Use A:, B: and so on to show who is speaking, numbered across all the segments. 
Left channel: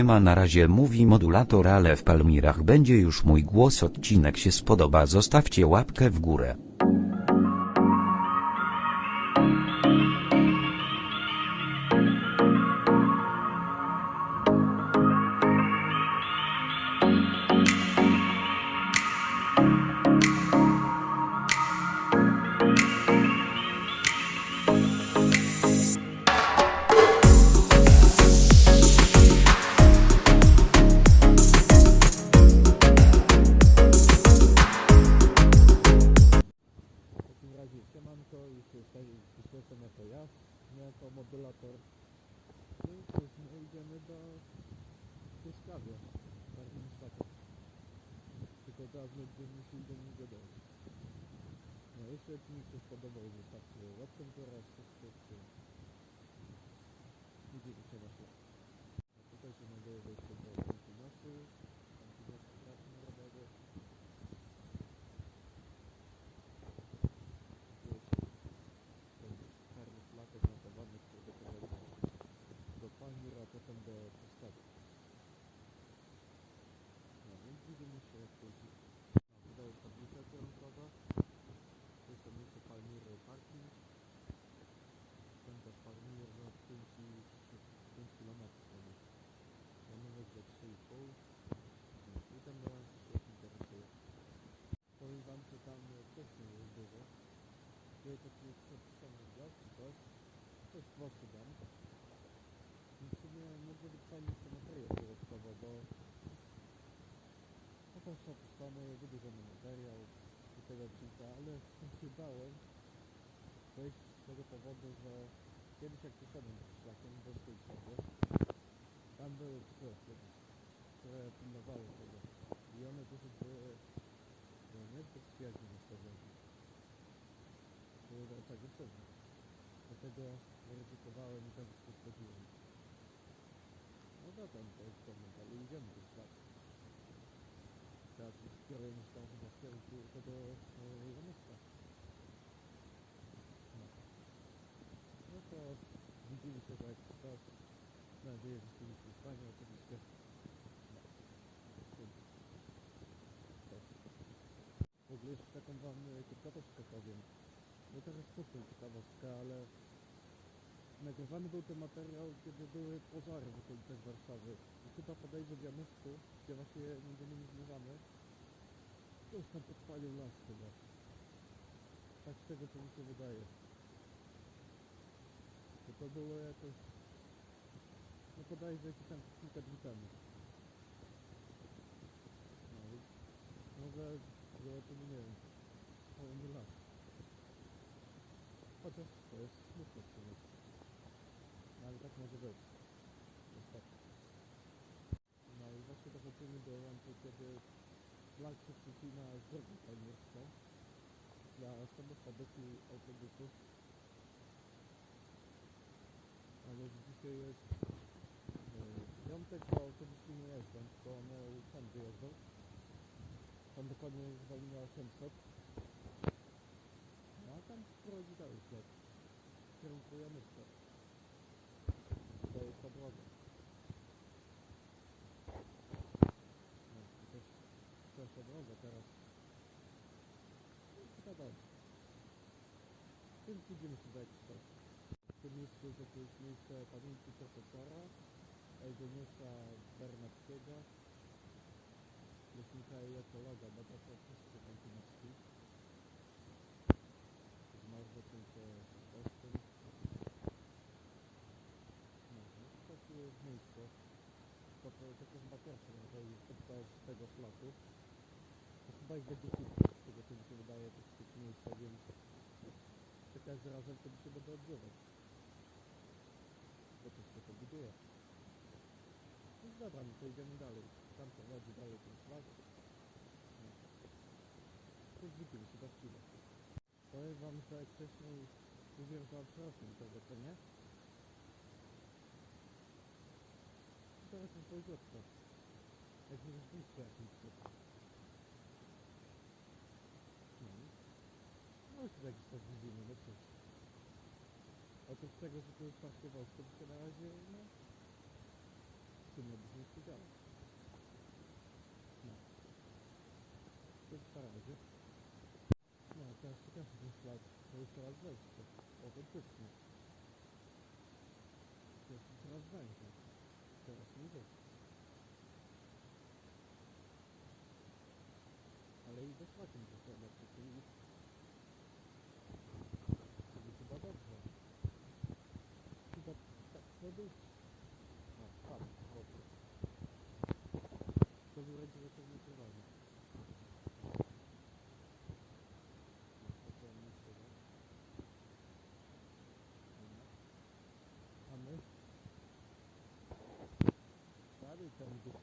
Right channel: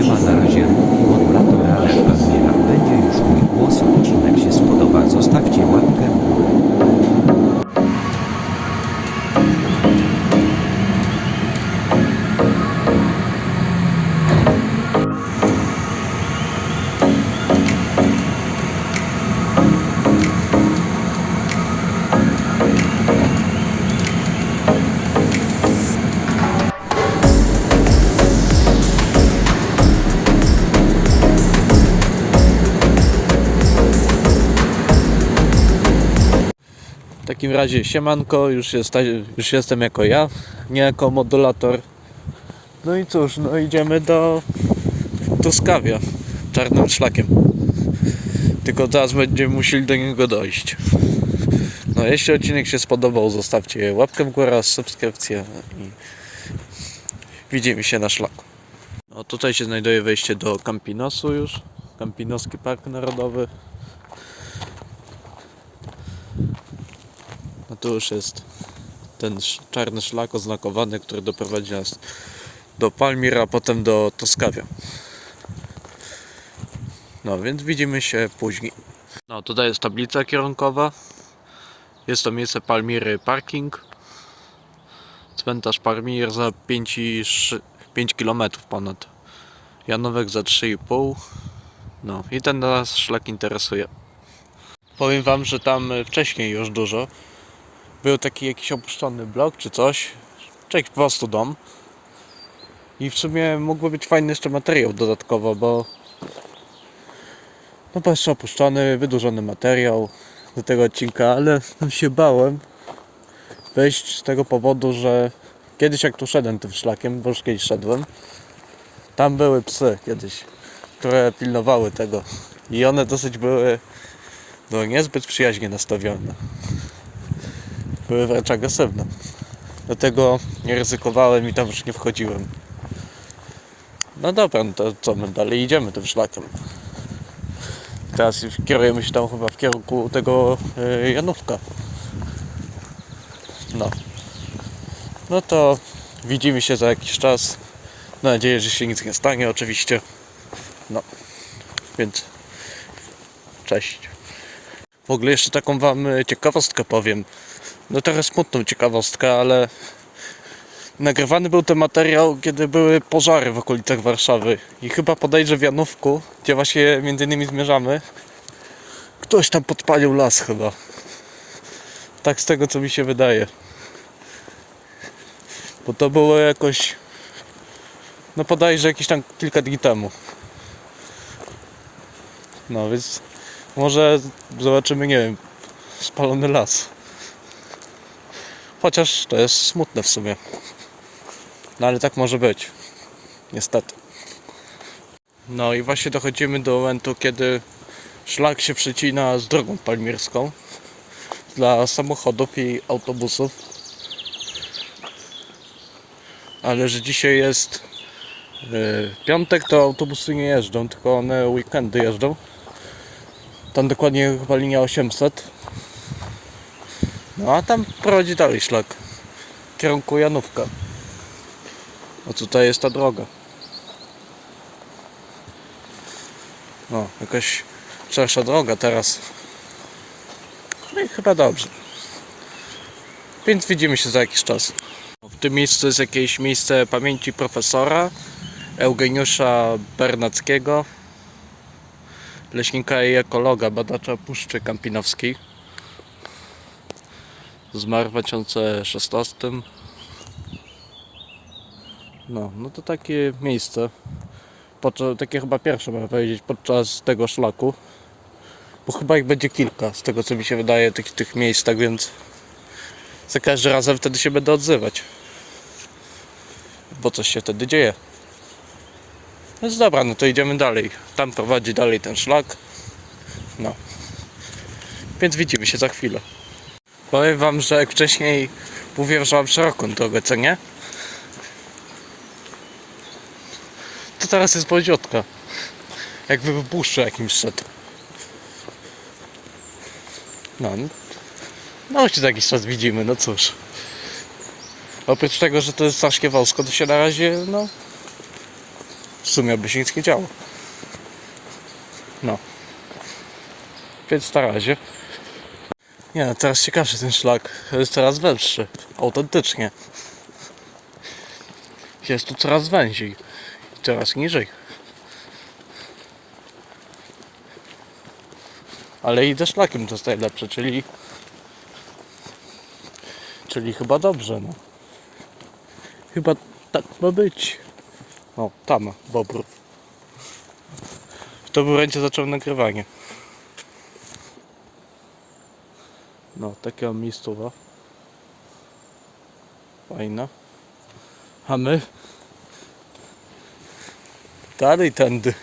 A: Siema na razie mówi modulator, ale w Palmirach będzie już mój głos. Odcinek się spodoba, zostawcie łapkę w górę.
B: Razie siemanko, już, jest, już jestem jako ja, nie jako modulator. No i cóż, no idziemy do Truskawia czarnym szlakiem. Tylko teraz będziemy musieli do niego dojść. No jeśli odcinek się spodobał, zostawcie łapkę w górę, subskrypcję i widzimy się na szlaku. No tutaj się znajduje wejście do Campinosu już. Campinoski Park Narodowy. To już jest ten czarny szlak oznakowany, który doprowadzi nas do Palmir, a potem do Toskawia. No więc widzimy się później. No tutaj jest tablica kierunkowa. Jest to miejsce Palmiry Parking. Cmentarz Palmir za 5, i szy- 5 km ponad. Janowek za 3,5. No i ten nas szlak interesuje. Powiem wam, że tam wcześniej już dużo był taki jakiś opuszczony blok czy coś, czy jakiś po prostu dom. I w sumie mógłby być fajny jeszcze materiał dodatkowo, bo no bo jeszcze opuszczony, wydłużony materiał do tego odcinka, ale się bałem wejść z tego powodu, że kiedyś jak tu szedłem tym szlakiem, bo już kiedyś szedłem, tam były psy kiedyś, które pilnowały tego. I one dosyć były no niezbyt przyjaźnie nastawione były wręcz agresywne. Dlatego nie ryzykowałem i tam już nie wchodziłem. No dobra, no to co my dalej idziemy tym szlakiem. Teraz kierujemy się tam chyba w kierunku tego yy, Janówka. No. No to widzimy się za jakiś czas. Mam nadzieję, że się nic nie stanie oczywiście. No. Więc cześć. W ogóle jeszcze taką wam y, ciekawostkę powiem no trochę smutną ciekawostkę, ale nagrywany był ten materiał, kiedy były pożary w okolicach Warszawy i chyba podejrzę w Janówku, gdzie właśnie między innymi zmierzamy, ktoś tam podpalił las chyba. Tak z tego co mi się wydaje. Bo to było jakoś no podejrzę jakieś tam kilka dni temu. No więc może zobaczymy, nie wiem, spalony las. Chociaż to jest smutne w sumie. No ale tak może być. Niestety. No i właśnie dochodzimy do momentu, kiedy szlak się przecina z drogą palmirską dla samochodów i autobusów. Ale że dzisiaj jest yy, piątek, to autobusy nie jeżdżą, tylko one weekendy jeżdżą. Tam dokładnie chyba linia 800. No a tam prowadzi dalej szlak. W kierunku Janówka. A tutaj jest ta droga. No, jakaś szersza droga teraz. No i chyba dobrze. Więc widzimy się za jakiś czas. W tym miejscu jest jakieś miejsce pamięci profesora Eugeniusza Bernackiego, leśnika i ekologa, badacza Puszczy Kampinowskiej. Zmarł w 2016. No, no to takie miejsce. Podczas, takie chyba pierwsze można powiedzieć podczas tego szlaku. Bo chyba ich będzie kilka, z tego co mi się wydaje, tych, tych miejsc, tak więc za każdym razem wtedy się będę odzywać. Bo coś się wtedy dzieje. Więc dobra, no to idziemy dalej. Tam prowadzi dalej ten szlak. No. Więc widzimy się za chwilę. Powiem wam, że jak wcześniej mówiłem, że mam szeroką drogę, co nie? To teraz jest wąziutka. Jakby w puszczu jakimś szedł. No, no się jakiś czas widzimy, no cóż. Oprócz tego, że to jest strasznie wąsko, to się na razie, no, sumie by się nic nie działo. No. Więc na razie. Nie, no, teraz ciekawszy ten szlak. Jest coraz węższy. Autentycznie. Jest tu coraz węziej. I coraz niżej. Ale idę szlakiem to jest najlepsze, czyli... Czyli chyba dobrze, no. Chyba tak ma być. O, tam, bobrów. W to momencie zaczął nagrywanie. No, takie mam miejscowa. Fajna. A my? Dalej tędy.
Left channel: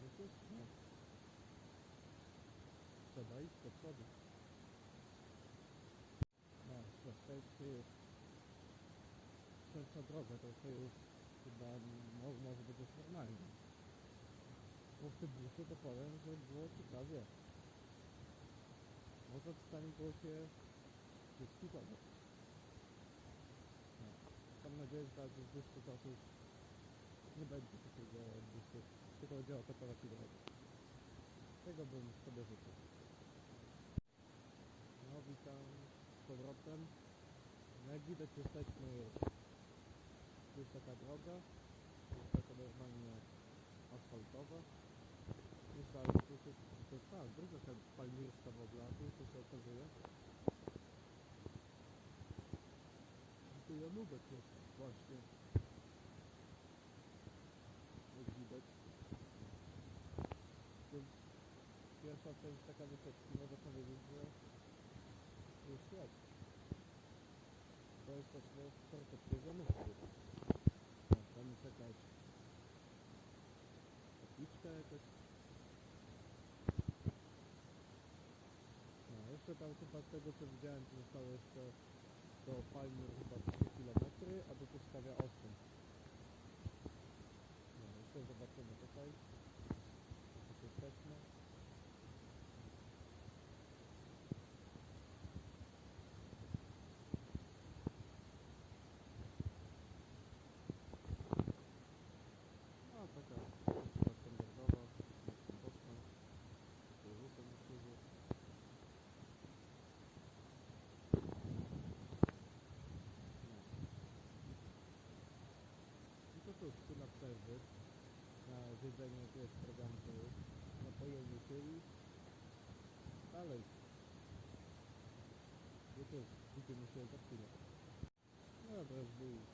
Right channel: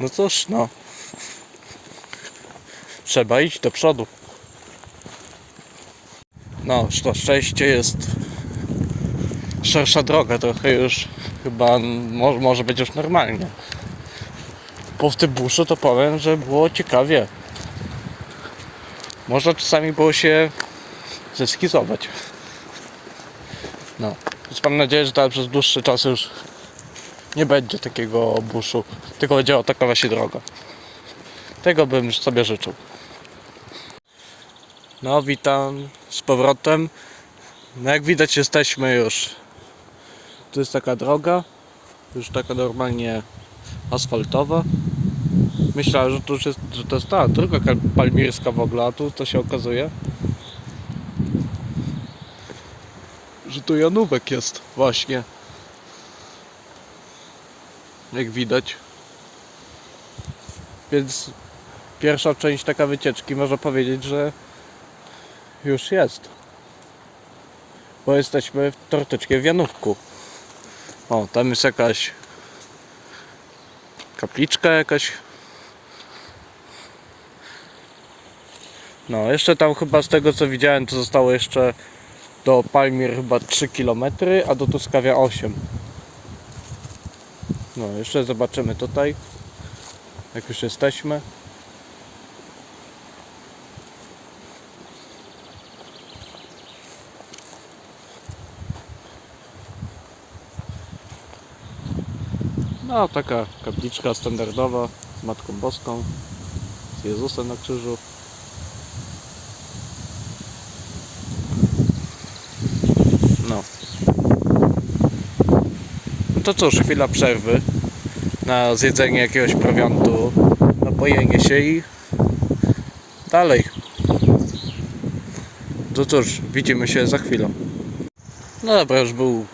B: No cóż, no. Trzeba iść do przodu. No, na szczęście jest szersza droga, trochę już chyba może, może być już normalnie. Po w tym buszu to powiem, że było ciekawie. Można czasami było się zeskizować. No, więc mam nadzieję, że teraz przez dłuższy czas już nie będzie takiego buszu, tylko będzie taka właśnie droga. Tego bym sobie życzył. No, witam z powrotem. No, jak widać, jesteśmy już. Tu jest taka droga, już taka normalnie asfaltowa. Myślałem, że to już jest, że to jest ta droga kal- palmirska w ogóle, a tu to się okazuje, że tu Janówek jest właśnie. Jak widać. Więc pierwsza część taka wycieczki można powiedzieć, że już jest. Bo jesteśmy w troszeczkę w Janówku. O, tam jest jakaś kapliczka jakaś. No, jeszcze tam chyba z tego co widziałem, to zostało jeszcze do Palmir chyba 3 km, a do Tuskawia 8. No, jeszcze zobaczymy tutaj, jak już jesteśmy. No, taka kapliczka standardowa z Matką Boską, z Jezusem na krzyżu. No. No to cóż, chwila przerwy na zjedzenie jakiegoś prowiantu, napojenie się i dalej. To cóż, widzimy się za chwilę. No dobra, już był,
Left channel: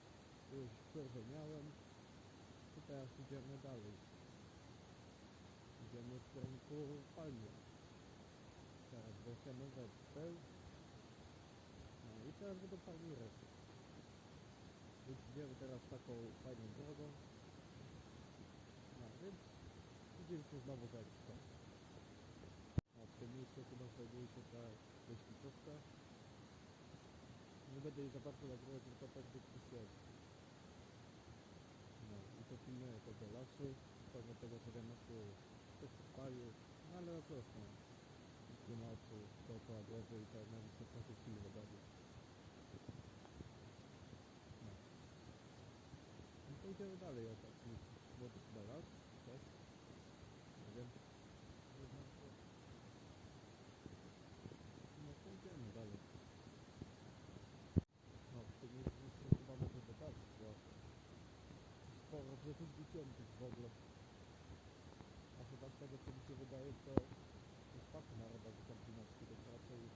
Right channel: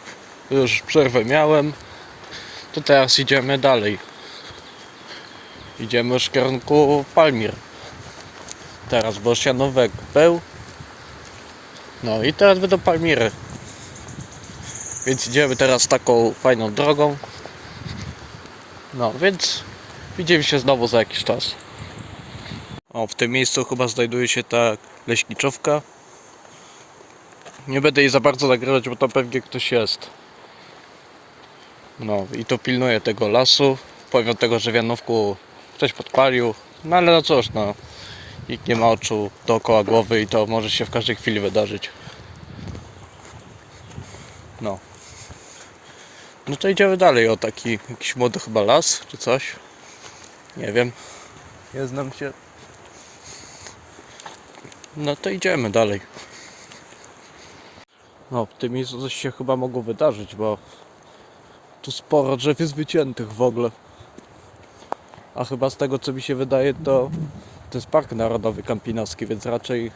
B: już przerwę miałem. To teraz idziemy dalej. Idziemy już w kierunku Palmir. Teraz Bosianówek był. No i teraz będą Palmiry. Więc idziemy teraz taką fajną drogą. No więc widzimy się znowu za jakiś czas. O, w tym miejscu chyba znajduje się ta leśniczówka. Nie będę jej za bardzo nagrywać, bo tam pewnie ktoś jest. No i to pilnuje tego lasu. Powiem tego, że w Janówku ktoś podpalił. No ale no cóż, no. Nikt nie ma oczu dookoła głowy i to może się w każdej chwili wydarzyć. No. No to idziemy dalej o taki jakiś młody chyba las czy coś. Nie wiem. Nie znam się. No to idziemy dalej. No, miejscu coś się chyba mogło wydarzyć, bo tu sporo drzew jest wyciętych w ogóle. A chyba z tego co mi się wydaje to to jest Park Narodowy Kampinoski, więc raczej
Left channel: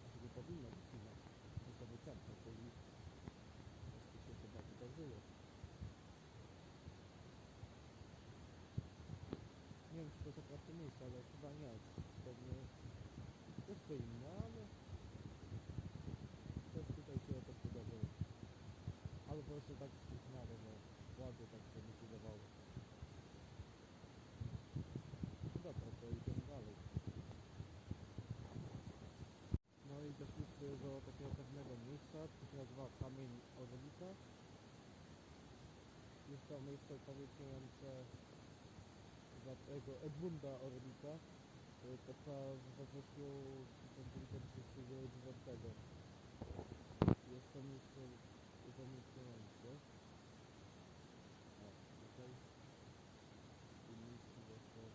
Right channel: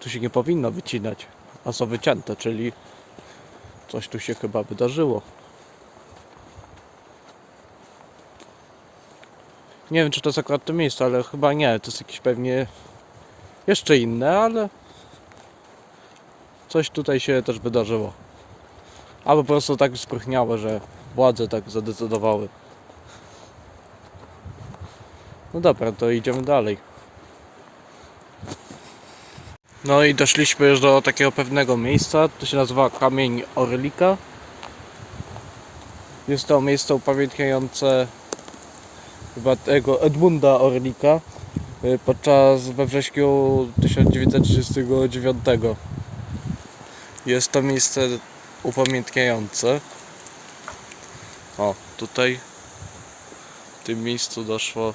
B: tu się nie powinno wycinać. A są wycięte, czyli coś tu się chyba wydarzyło. Nie wiem czy to jest akurat to miejsce, ale chyba nie. To jest jakieś pewnie jeszcze inne, ale coś tutaj się też wydarzyło. Albo po prostu tak sprychniało, że władze tak zadecydowały. No dobra, to idziemy dalej. No i doszliśmy już do takiego pewnego miejsca. To się nazywa Kamień Orlika. Jest to miejsce upamiętniające chyba tego Edmunda Orlika y, podczas we wrześniu 1939. Jest to miejsce upamiętniające. O, tutaj w tym miejscu doszło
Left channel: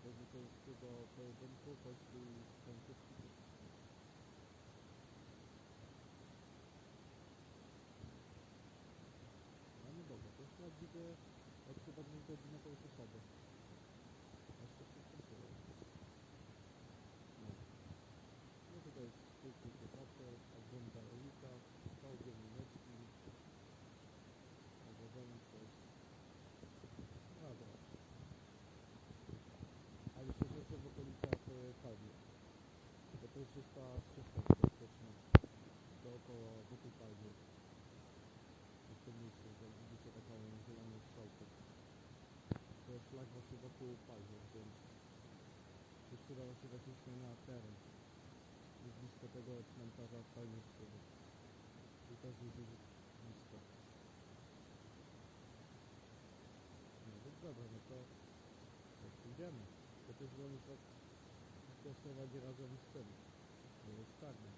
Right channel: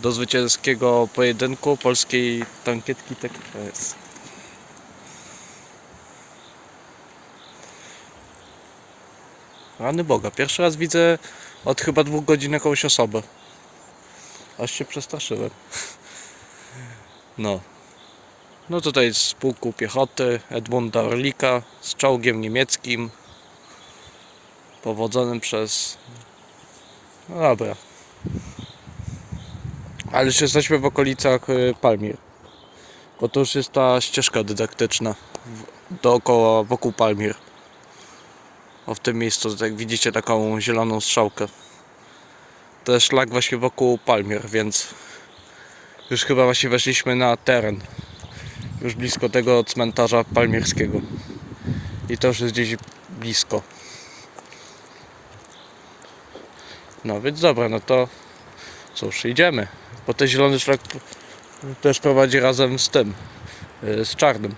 B: do zwycięskiego pojedynku polskiej tankietki TKS. Rany Boga, pierwszy raz widzę od chyba dwóch godzin jakąś osobę. Aż się przestraszyłem. No. No tutaj z pułku piechoty Edmunda Orlika z czołgiem niemieckim powodzonym przez... No dobra. Ale już jesteśmy w okolicach y, Palmir. Bo to już jest ta ścieżka dydaktyczna dookoła, wokół Palmir. O w tym miejscu, jak widzicie taką zieloną strzałkę. To jest szlak właśnie wokół Palmir, więc już chyba właśnie weszliśmy na teren. Już blisko tego cmentarza palmierskiego. I to już jest gdzieś blisko. No więc dobra, no to cóż, idziemy. Bo ten zielony szlak też prowadzi razem z tym, y, z czarnym.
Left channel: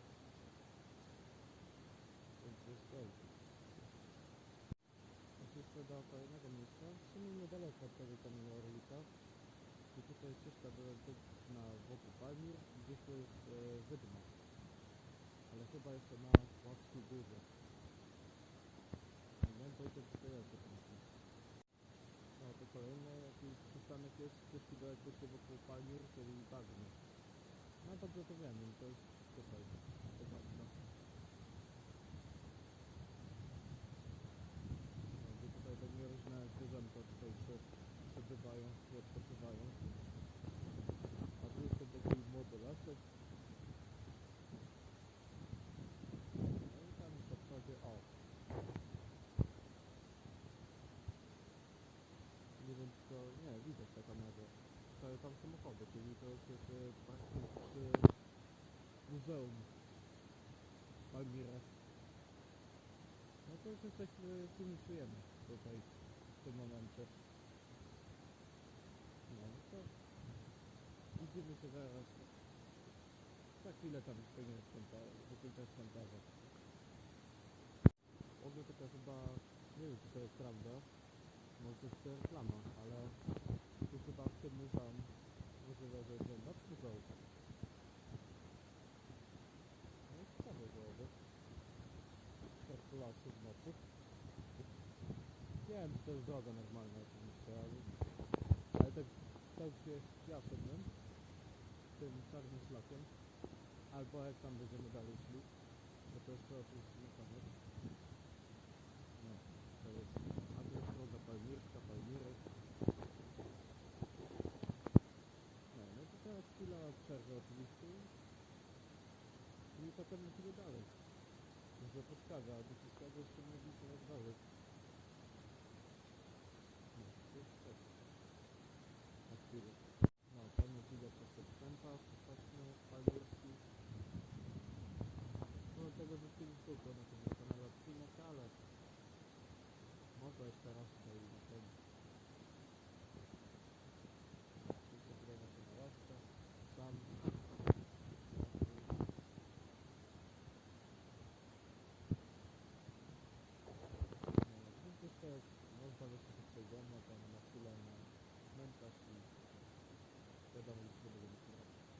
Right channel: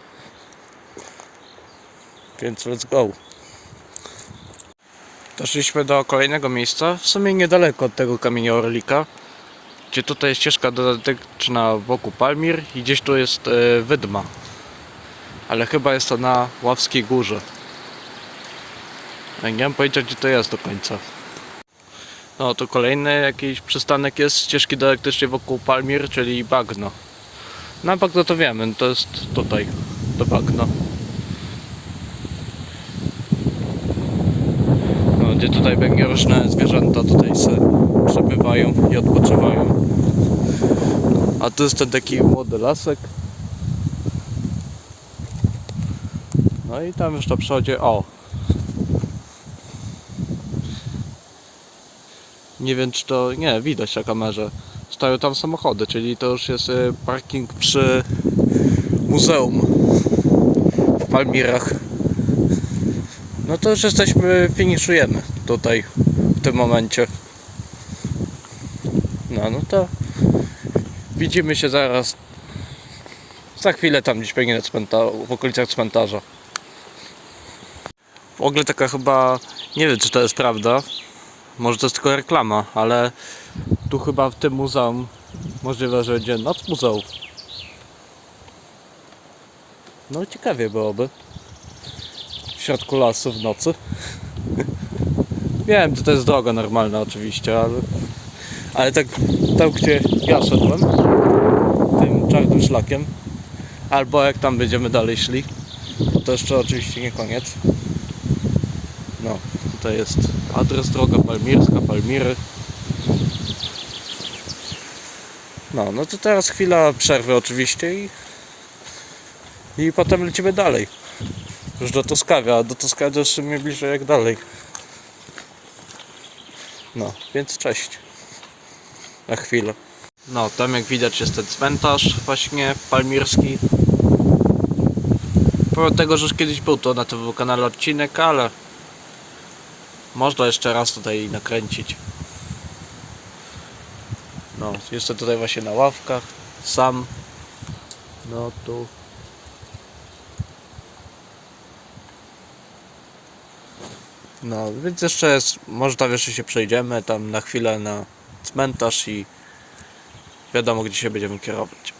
B: Więc let's go. Doszliśmy do kolejnego miejsca, w sumie niedaleko od tego kamienia Orlika, gdzie tutaj jest ścieżka dodateczna wokół Palmir i gdzieś tu jest e, Wydma. Ale chyba jest to na Ławskiej Górze. Nie mam pojęcia gdzie to jest do końca. No to kolejny jakiś przystanek jest ścieżki dydaktycznej wokół Palmir, czyli Bagno. Na Bagno to wiemy, to jest tutaj, do Bagno. Gdzie tutaj będzie różne zwierzęta tutaj se przebywają i odpoczywają. A tu jest ten taki młody lasek. No i tam już to przechodzi. O! Nie wiem czy to. Nie, widać na kamerze. Stoją tam samochody, czyli to już jest y, parking przy muzeum w Palmirach. No to już jesteśmy, finiszujemy tutaj w tym momencie. No, no to widzimy się zaraz. Za chwilę tam gdzieś cmentarzu, w okolicach cmentarza. W ogóle taka chyba, nie wiem czy to jest prawda, może to jest tylko reklama, ale tu chyba w tym muzeum możliwe, że będzie noc muzeów. No ciekawie byłoby środku lasu w nocy. Wiem, że to jest droga normalna oczywiście, ale, ale tak tam gdzie ja szedłem, tym czarnym szlakiem, albo jak tam będziemy dalej szli, to jeszcze oczywiście nie koniec. No, to jest adres droga palmirska, Palmiry. No, no to teraz chwila przerwy oczywiście i, i potem lecimy dalej. Już do Toskawy, a do Toskawy to jeszcze mnie bliżej jak dalej. No, więc cześć. Na chwilę. No, tam jak widać jest ten cmentarz właśnie palmirski. Pomimo tego, że już kiedyś był to na tym kanale odcinek, ale można jeszcze raz tutaj nakręcić. No, jestem tutaj właśnie na ławkach, sam. No tu No, więc jeszcze jest, może tam jeszcze się przejdziemy, tam na chwilę na cmentarz i wiadomo gdzie się będziemy kierować.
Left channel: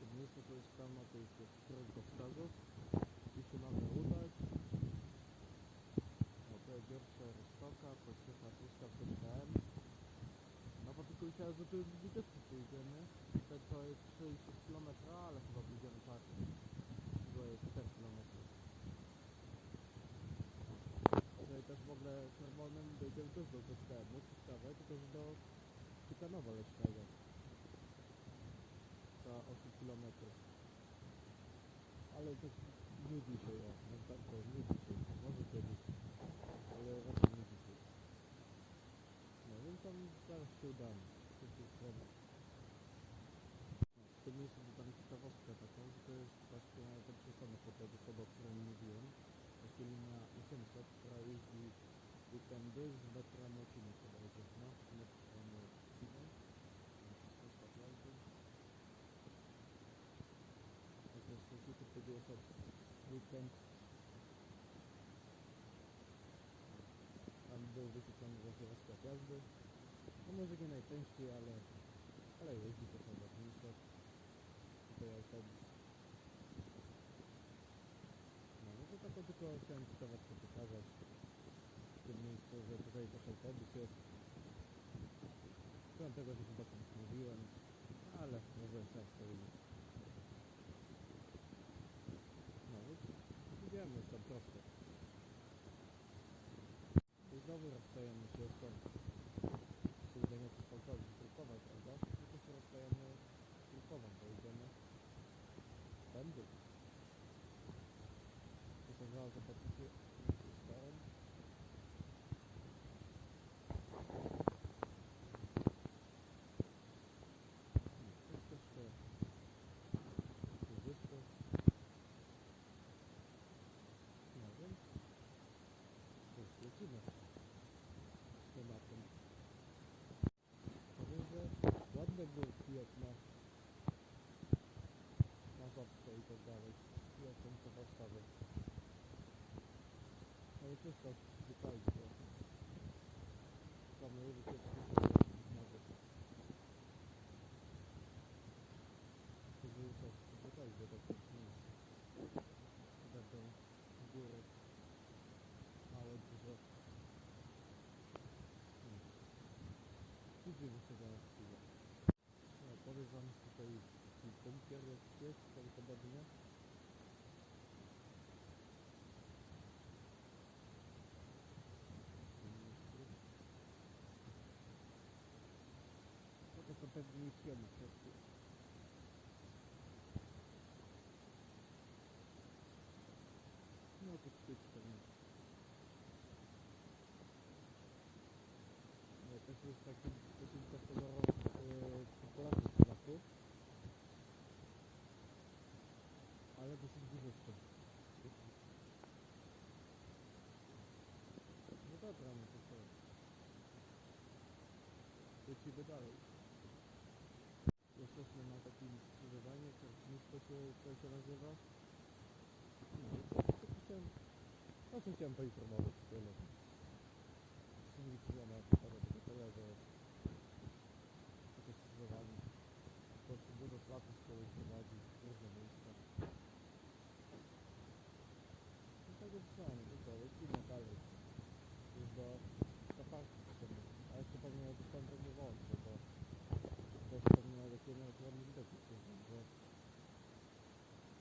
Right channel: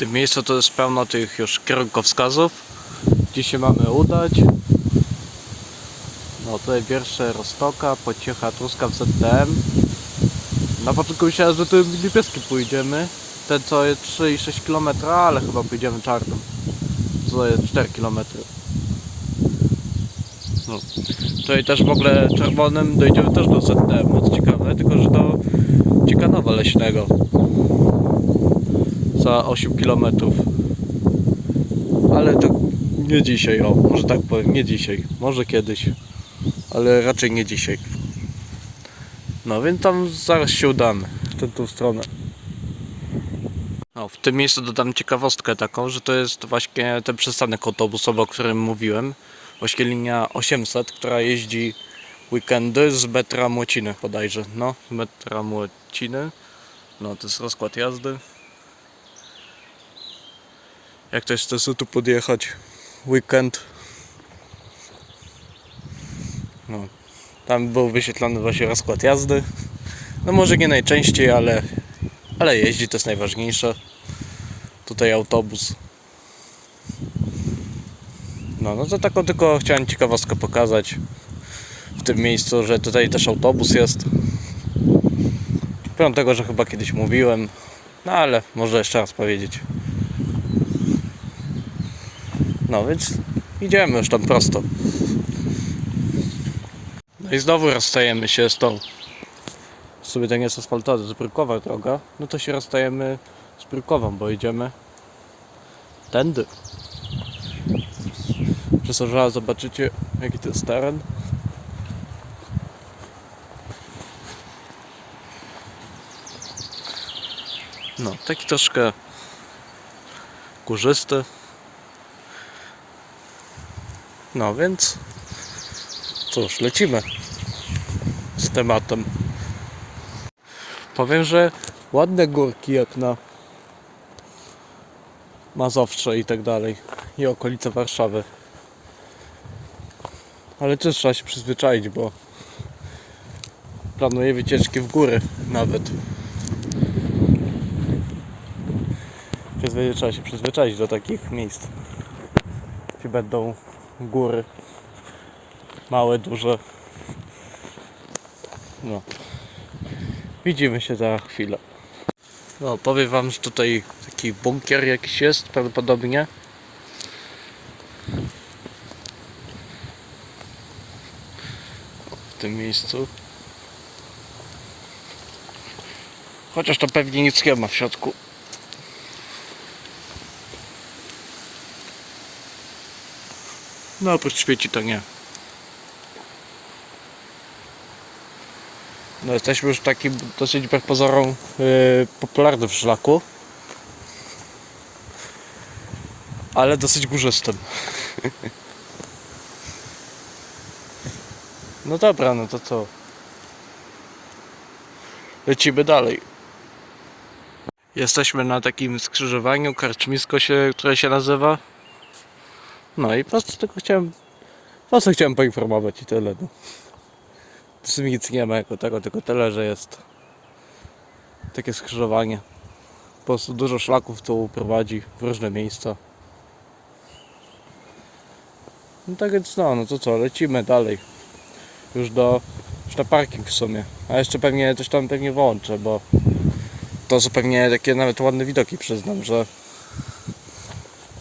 B: Tym miejscu to jest pełno tych już kierunkowskazów, gdzie się mamy udać. No tutaj wiersze Rostoka, Pociecha, Truskaw, ZTM. Na początku myślałem, że tym niebieskim pójdziemy. Ten co jest 3,6 km, ale chyba pójdziemy czarnym. Co jest 4 km. No. Tutaj też w ogóle czerwonym dojdziemy też do ZTM, co ciekawe, tylko że do Ciekanowa Leśnego za 8 km. Ale to Nie dzisiaj, o, może tak powiem, nie dzisiaj. Może kiedyś, ale raczej nie dzisiaj. No więc tam zaraz się udamy, w tę tą stronę. O, w tym miejscu dodam ciekawostkę taką, że to jest właśnie ten przystanek autobusowy, o którym mówiłem. Właśnie linia 800, która jeździ weekendy z metra Młociny bodajże. No, metra Młociny. No, to jest rozkład jazdy. Jak ktoś chce tu podjechać weekend. No, tam był wyświetlony właśnie rozkład jazdy. No może nie najczęściej, ale, ale jeździ, to jest najważniejsze. Tutaj autobus. No, no to taką tylko chciałem ciekawostkę pokazać w tym miejscu, że tutaj też autobus jest. Pomimo tego, że chyba kiedyś mówiłem, no ale może jeszcze raz powiedzieć. No więc idziemy już tam prosto. No i znowu rozstajemy się z tą. Sobie to nie jest asfaltowa, to jest brukowa droga. No to się rozstajemy z brukową, bo idziemy tędy. Przez zobaczycie jaki to jest teren. No, taki troszkę górzysty. No więc cóż, lecimy z tematem. Powiem, że ładne górki jak na Mazowsze i tak dalej i okolice Warszawy. Ale też trzeba się przyzwyczaić, bo planuję wycieczki w góry nawet. Przyzwyczaić, trzeba się przyzwyczaić do takich miejsc. Gdzie będą góry. Małe, duże. No. Widzimy się za chwilę. No, powiem wam, że tutaj taki bunkier jakiś jest prawdopodobnie. W tym miejscu. Chociaż to pewnie nic nie ma w środku. No oprócz śmieci to nie. No jesteśmy już w takim dosyć wbrew pozorom yy, popularnym szlaku. Ale dosyć górzystym. No dobra, no to co? Lecimy dalej. Jesteśmy na takim skrzyżowaniu, karczmisko się, które się nazywa. No i po prostu tylko chciałem, po prostu chciałem poinformować i tyle. No. Nic nie ma jako tego, tylko tyle, że jest takie skrzyżowanie. Po prostu dużo szlaków tu prowadzi w różne miejsca. No tak więc no, no to co, lecimy dalej. Już do, już na parking w sumie. A jeszcze pewnie coś tam pewnie włączę, bo to są pewnie takie nawet ładne widoki przyznam, że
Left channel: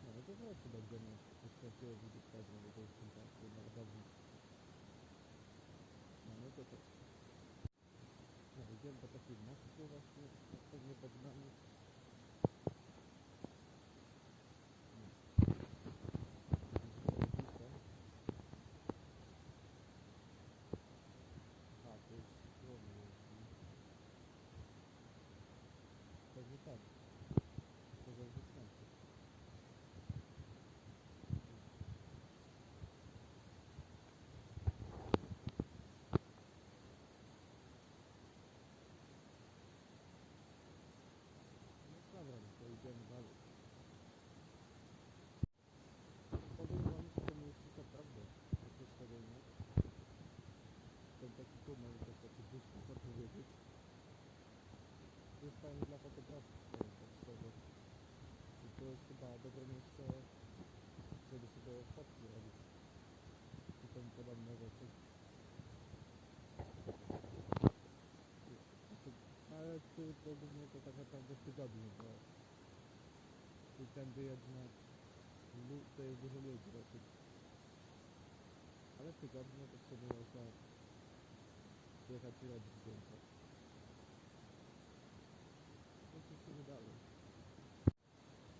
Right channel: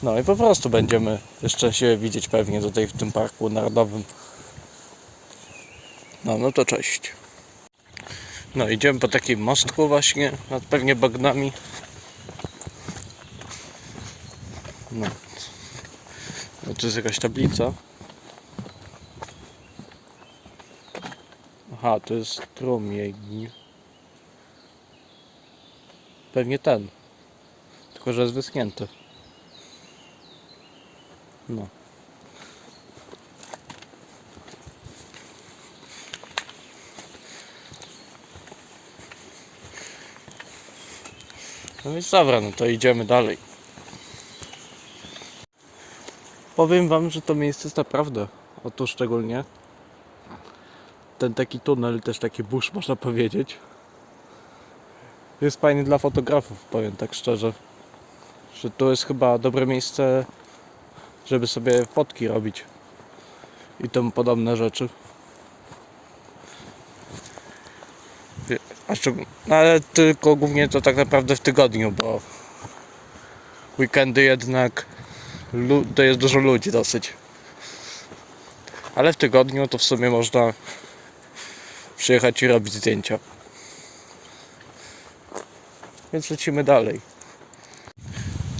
B: no i po prostu będziemy jeszcze się widzieć pewnie tutaj w tym parku narodowym. No, no to cześć. No, idziemy po takim mostku właśnie, nad pewnie bagnami. No. no tu jest jakaś tablica. Aha, to jest strumień. Pewnie ten. Tylko, że jest wyschnięty. No. No więc dobra, no to idziemy dalej. Powiem wam, że to miejsce jest naprawdę, oto szczególnie ten taki tunel, też taki burz można powiedzieć. Jest fajny dla fotografów, powiem tak szczerze. Że to jest chyba dobre miejsce, żeby sobie fotki robić i tomu podobne rzeczy. No ale tylko głównie to tak naprawdę w tygodniu, bo weekendy jednak to jest dużo ludzi dosyć. Ale w tygodniu to w sumie można przyjechać i robić zdjęcia. Więc lecimy dalej.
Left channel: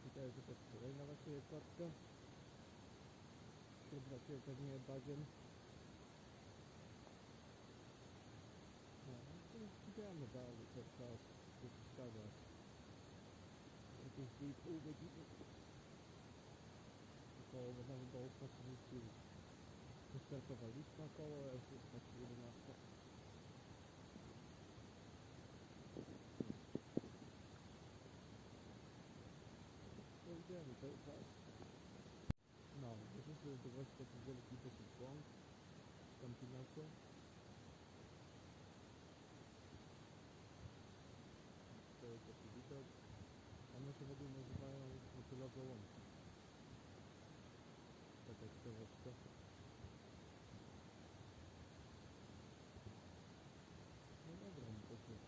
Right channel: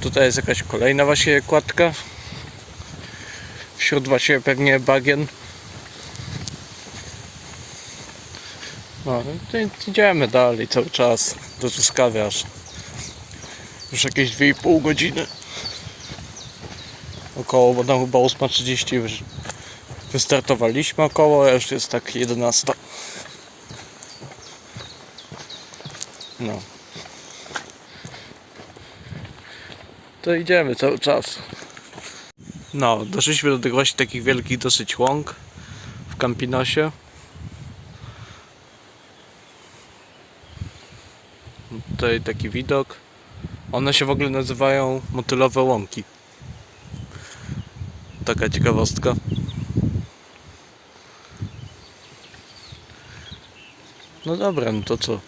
B: Tutaj jest jakaś kolejna właśnie kładka. Wśród właśnie pewnie bagien. No, idziemy dalej cały czas do Truskawy aż. Już jakieś 2,5 godziny. Około, bo tam chyba 8.30 już wystartowaliśmy około, a już jest tak 11. No. To idziemy cały czas. No, doszliśmy do tych właśnie takich wielkich dosyć łąk w Campinosie. Tutaj taki widok. One się w ogóle nazywają motylowe łąki. Taka ciekawostka. No dobra, no to co?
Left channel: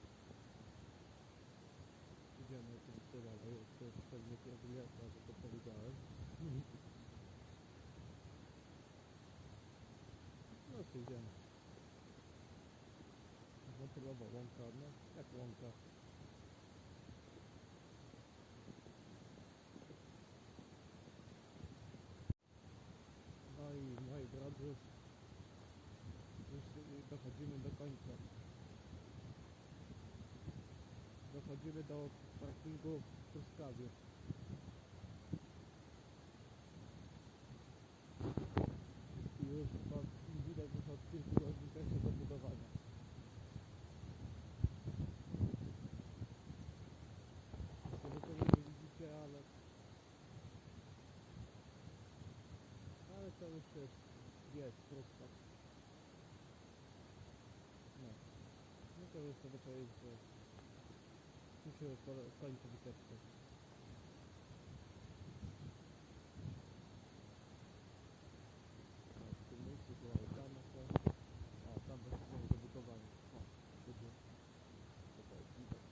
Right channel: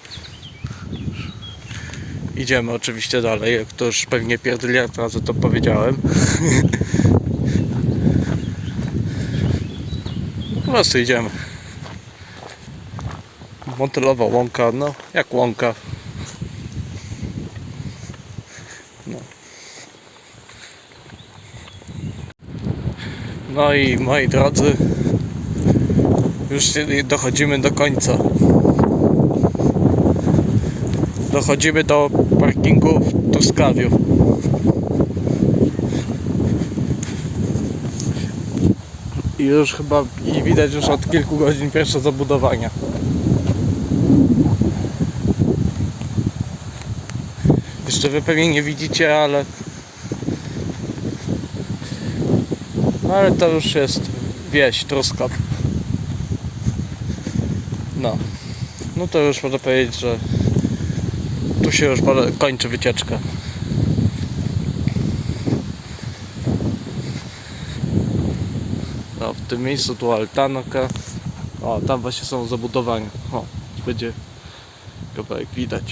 B: Idziemy oczywiście dalej, jak to już pewnie pierdyliard razy to powiedziałem. Po prostu idziemy. Motylowa łąka, no jak łąka. No. No i moi drodzy, już dochodzimy do końca. Dochodzimy do parkingu w Truskawiu. I już chyba i widać już od kilku godzin pierwsze zabudowania. Jeszcze wy pewnie nie widzicie, ale no ale to już jest wieś Truskaw. No. No to już można powiedzieć, że tu się już kończy wycieczka. No, w tym miejscu tu altanka. O, tam właśnie są zabudowania. O, będzie kawałek widać.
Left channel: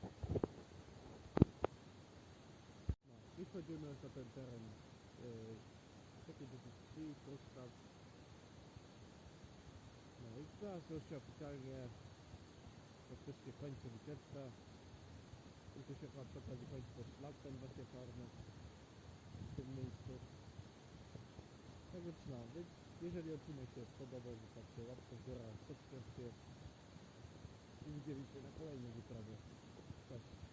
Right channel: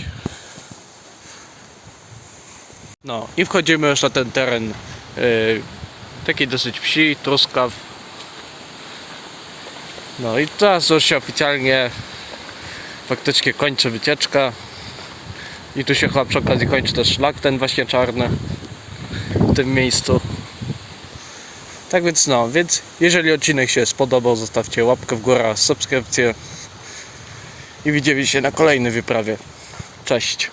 B: No i wchodzimy już na ten teren yy, taki dosyć wsi, truskaw. No i teraz już się oficjalnie faktycznie kończy wycieczka. I tu się chyba przy okazji kończy też szlak ten właśnie czarny w tym miejscu. Tak więc no, więc jeżeli odcinek się spodobał, zostawcie łapkę w górę, subskrypcję i widzimy się na kolejnej wyprawie. Cześć!